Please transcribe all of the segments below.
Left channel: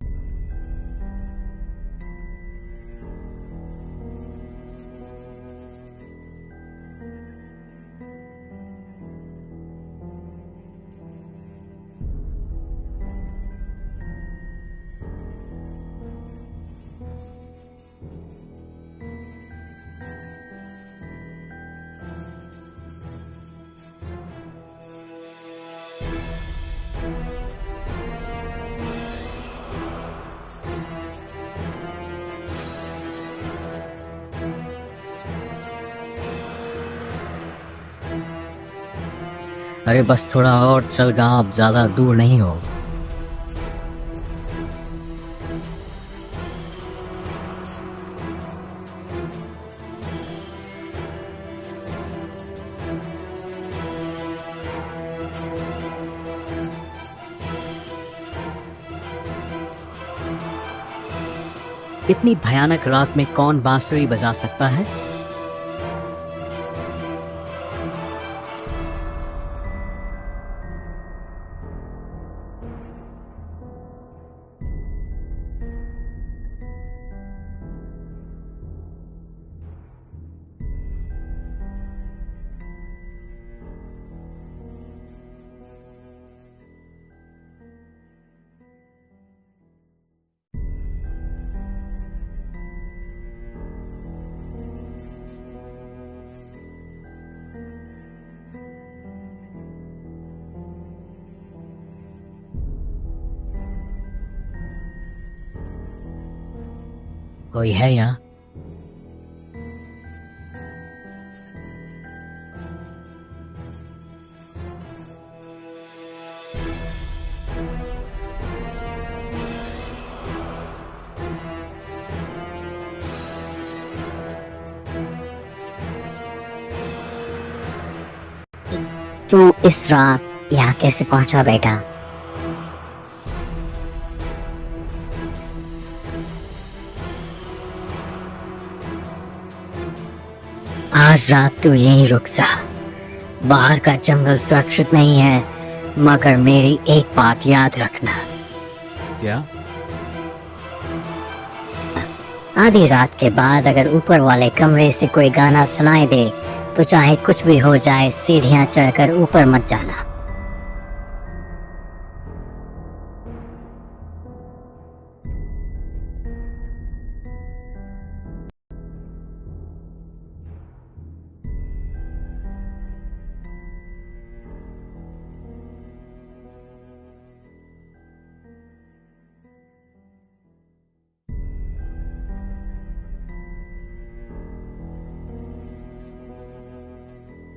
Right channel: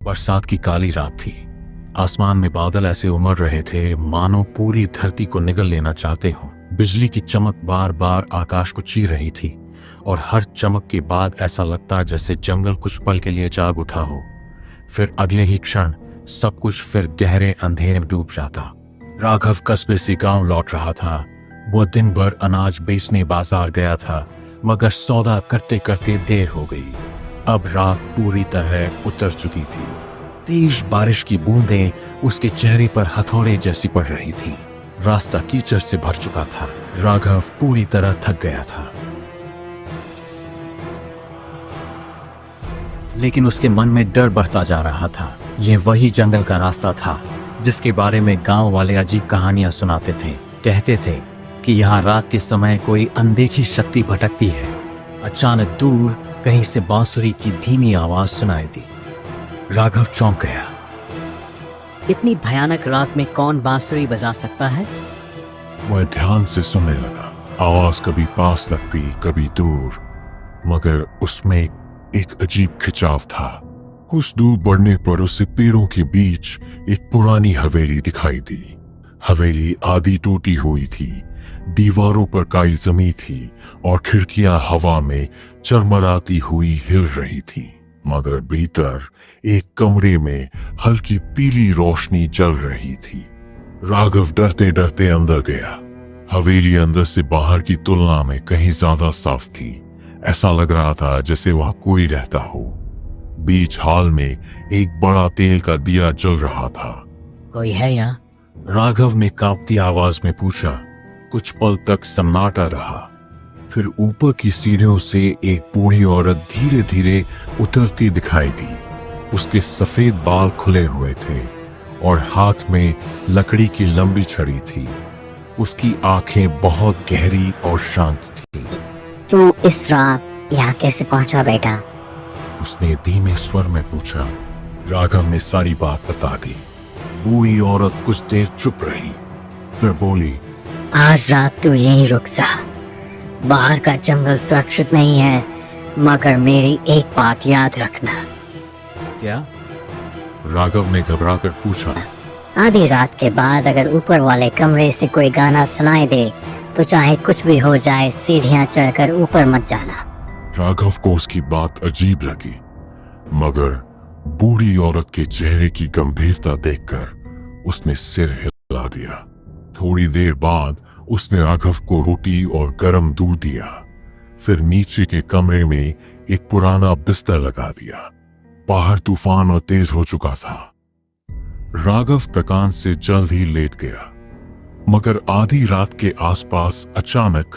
बरसात की काली रात थी। आसमान में बादल ऐसे उमड़ रहे थे मानो पूरी धरती को निगल लेना चाहते हों। बिजली की चमक बार बार आकाश को चीर रही थी और हर चमक के बाद ऐसा लगता जैसे जंगल कुछ पल के लिए जाग उठा हो। फिर अगले ही क्षण सब कुछ फिर गहरे अंधेरे में डूब जाता। राघव कस्बे से गांव लौट रहा था। वो दिन भर अनाज बेचने बाजार गया था, मगर सौदा करते करते देर हो गई। अब रात पूरी तरह उतर चुकी थी। तेज बारिश की बूंदें उसके चेहरे पर हथौड़े जैसी पड़ रही थी। रास्ता कीचड़ से भर चुका था। राघव पूरी तरह थक गया था। अरे बस थोड़ा और चल गांव, ज्यादा दूर नहीं हो। लेकिन उसके मन में डर बढ़ता जा रहा था। यह वही जंगल का रास्ता था जिसके बारे में गांव वाले अजीब कहानियां सुनाते थे। कहते थे कि यहाँ रात के समय कोई अनदेखी शक्ति भटकती है। अचानक दूर कहीं से बांसुरी की धीमी आवाज सुनाई दी। राघव चौंक गया। इतनी भयानक रात में कौन बांसुरी बजा सकता है? वह ध्यान से सुनने लगा। आवाज कभी पास लगती, कभी दूर, मगर उसमें एक अजीब खिंचाव था। कुछ दूर बढ़ने पर उसे पेड़ों के बीच एक पुरानी हवेली दिखाई दी। हवेली आधी टूटी हुई थी, दीवारों पर काई जमी थी और खिड़कियां हवा में चरमराती हुई हिल रही थी। मगर भीतर एक कमरे में हल्की पीली रोशनी जल रही थी। राघव डरते डरते अंदर गया। हवेली अंदर से बाहर की तुलना में कहीं ज्यादा साफ थी। ऐसा लग रहा था जैसे वहां कोई रहता हो। बीच हॉल में एक बड़ा तेल का दिया जल रहा था। कोई है यहाँ? राघव ने कांपती आवाज में पूछा। कुछ पल तक सन्नाटा रहा। फिर ऊपर की सीढ़ियों से एक बूढ़ी औरत धीरे धीरे उतरती दिखाई दी। उसके सफेद बाल खुले हुए थे और हाथ में लकड़ी की लंबी छड़ी थी। उसकी आंखें बहुत गहरी और शांत थी। तू इस रात यहाँ कैसे पहुंचा बेटा? उसने धीमे स्वर में पूछा। राघव ने सारी बात बता दी। बूढ़ी औरत कुछ देर चुप रही, फिर बोली, आज रात तू यहीं रुक जा। बाहर का जंगल सुरक्षित नहीं है, मगर मेरी एक बात याद रखना। क्या? राघव ने घबराकर पूछा। आधी रात के बाद अगर ऊपर वाले कमरे से कोई गाना सुनाई दे तो चाहे कुछ भी हो जाए, सीढ़ियां चढ़कर ऊपर मत जाना। राघव को उसकी बात अजीब लगी, मगर बूढ़ी औरत के चेहरे की गंभीरता देखकर उसने सिर हिला दिया। थोड़ी देर बाद उसने राघव को रोटी और गर्म दूध दिया। फिर नीचे के कमरे में एक पुराना बिस्तर लगा दिया। बाहर तूफान और तेज हो चुका था। राघव थकान से जल्द ही लेट गया, मगर आधी रात के आसपास अचानक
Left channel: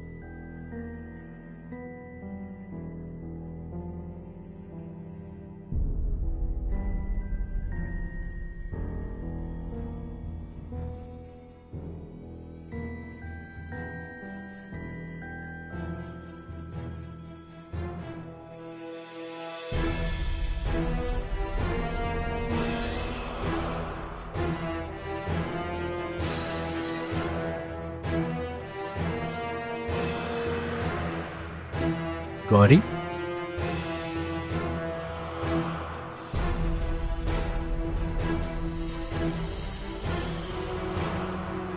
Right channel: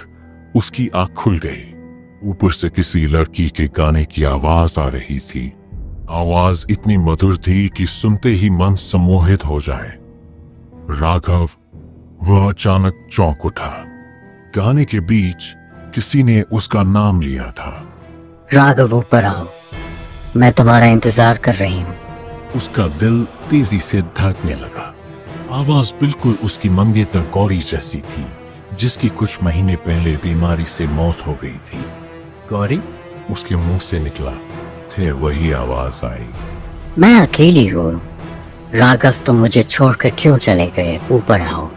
उसकी आंख खुल गई। ऊपर से किसी लड़की के गाने की आवाज आ रही थी। आवाज इतनी मधुर थी कि सुनते ही मन सम्मोहित हो जाए। राघव वह अचानक चौंक उठा। गाने के बीच किसी ने उसका नाम लिया था। राघव ऊपर आओ, मैं तुम्हारा इंतजार कर रही हूँ। उसका दिल तेजी से धड़कने लगा। आवाज बिल्कुल उसकी मंगेतर गौरी जैसी थी, जिसकी कुछ महीने पहले बीमारी से मौत हो गई थी। गौरी? उसके मुंह से निकला। फिर वही आवाज आई। मैं अकेली हूँ। राघव, तुम मुझे छोड़कर क्यों चले गए? ऊपर आओ।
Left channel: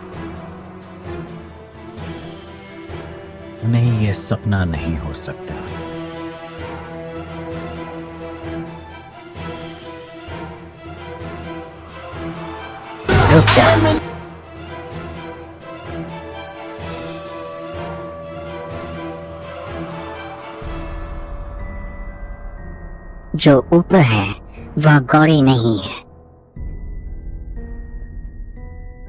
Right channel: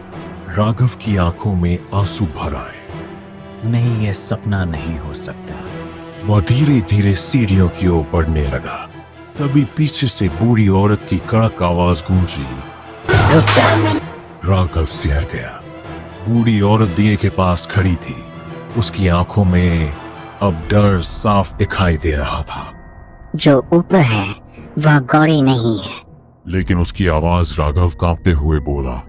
राघव की आंखों में आंसू भर आए। नहीं, यह सपना नहीं हो सकता। वह धीरे धीरे सीढ़ियों की ओर बढ़ने लगा। तभी पीछे से बूढ़ी औरत की कड़क आवाज गूंजी। रुक जा। राघव सिहर गया। बूढ़ी औरत दिए के पास खड़ी थी। उसकी आंखों में अब डर साफ दिखाई दे रहा था। जो ऊपर है वह गौरी नहीं है। लेकिन उसकी आवाज राघव कांपते हुए बोला।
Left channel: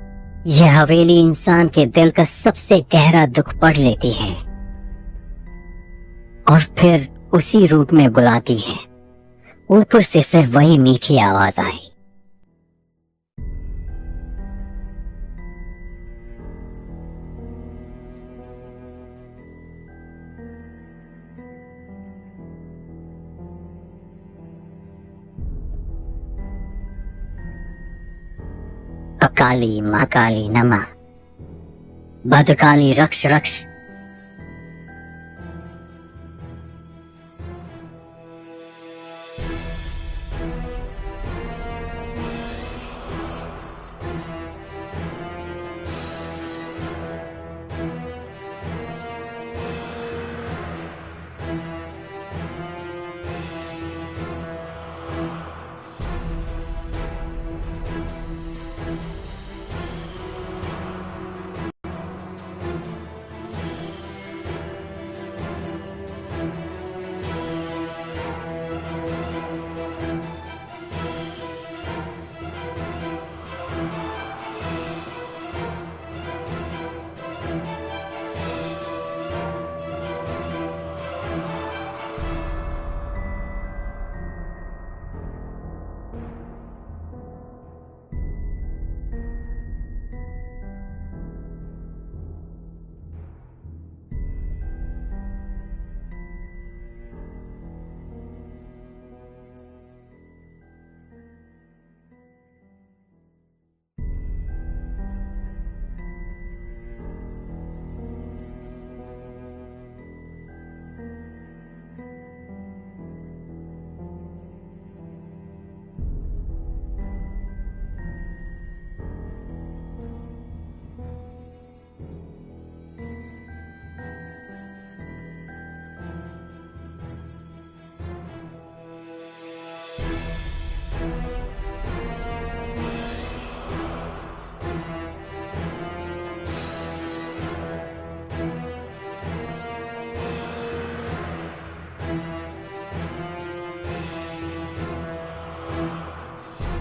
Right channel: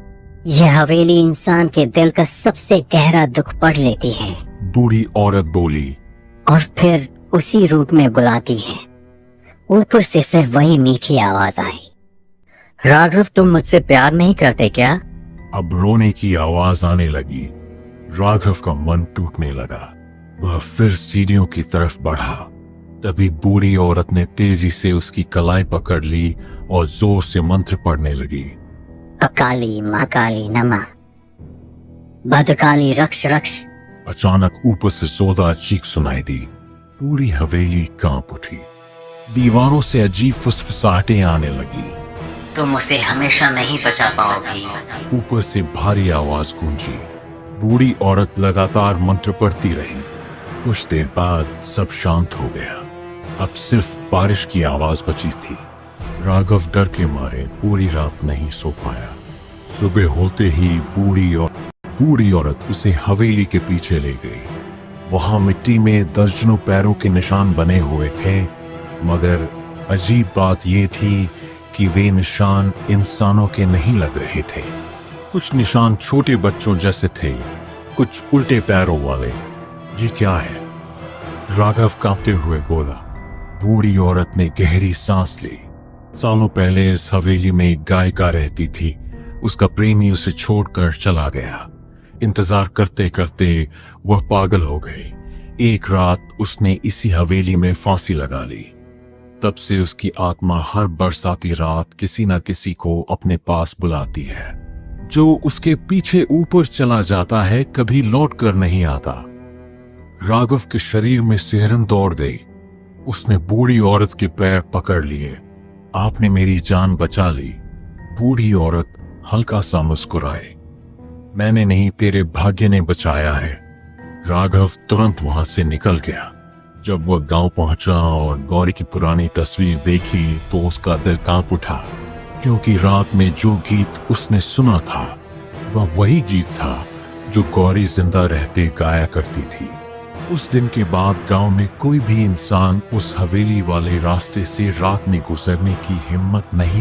यह हवेली इंसान के दिल का सबसे गहरा दुख पढ़ लेती है। बूढ़ी औरत बोली। और फिर उसी रूप में बुलाती है। ऊपर से फिर वही मीठी आवाज आई। राघव, तुम मुझसे प्यार नहीं करते क्या? अब रोने की आवाज आने लगी। राघव का मन टूटने लगा। वह फिर सीढ़ियों की तरफ बढ़ा। तभी बूढ़ी औरत ने तेजी से उसकी कलाई पकड़ ली और जोर से मंत्र पढ़ने लगी। अकाली महाकाली नमः, भद्रकाली रक्ष रक्ष। अचानक ऊपर से जोरदार चीख सुनाई दी। पूरी हवेली कांप उठी। दीवारों से अजीब फुसफुसाहटें आने लगी। तुम उसे हमेशा नहीं बचा पाओगी। ऊपर से भारी आवाज गूंजी। बूढ़ी औरत लगातार मंत्र पढ़ती रही। कुछ देर बाद सब शांत हो गया। अब सिर्फ बारिश की आवाज बची थी। राघव डर के मारे पूरी रात नहीं सो पाया। सुबह होते ही बूढ़ी औरत उसे हवेली के पीछे ले गई। वहां मिट्टी में दर्जनों पैरों के निशान बने हुए थे, मगर अजीब बात यह थी कि वे निशान इंसानों के नहीं लग रहे थे। कुछ निशान छोटे बच्चों जैसे थे, कुछ उल्टे पैरों वाले। ये क्या है? राघव कांपते हुए बोला। बूढ़ी औरत ने गहरी सांस ली। सालों पहले इस हवेली में एक गायिका रहती थी। उसका प्रेमी उसे छोड़कर चला गया। इंतजार करते करते वह पागल हो गई। एक रात उसने इसी हवेली में फांसी लगा ली। तब से उसकी आत्मा हर बरसाती रात किसी न किसी को अपने पास बुलाती है। जो उसके पीछे ऊपर चला जाता है, कभी लौट कर नहीं आता। राघव के शरीर में सिहरन दौड़ गई। उसने बूढ़ी औरत के पैर पकड़ लिए। आपने मेरी जान बचा ली। बूढ़ी औरत हल्का सा मुस्कुराई। मैंने नहीं, तेरे भाग्य ने बचाया है। राघव तुरंत वहां से निकल गया। जब वह गांव पहुंचा और गौरी की पुरानी तस्वीर देखी तो उसका दिल कांप उठा, क्योंकि रात में जो गीत उसने सुना था वह वही गीत था जो गौरी जिंदा रहते गाया करती थी। उस दिन के बाद गांव में कोई भी इंसान उस हवेली वाले रास्ते से रात में गुजरने की हिम्मत नहीं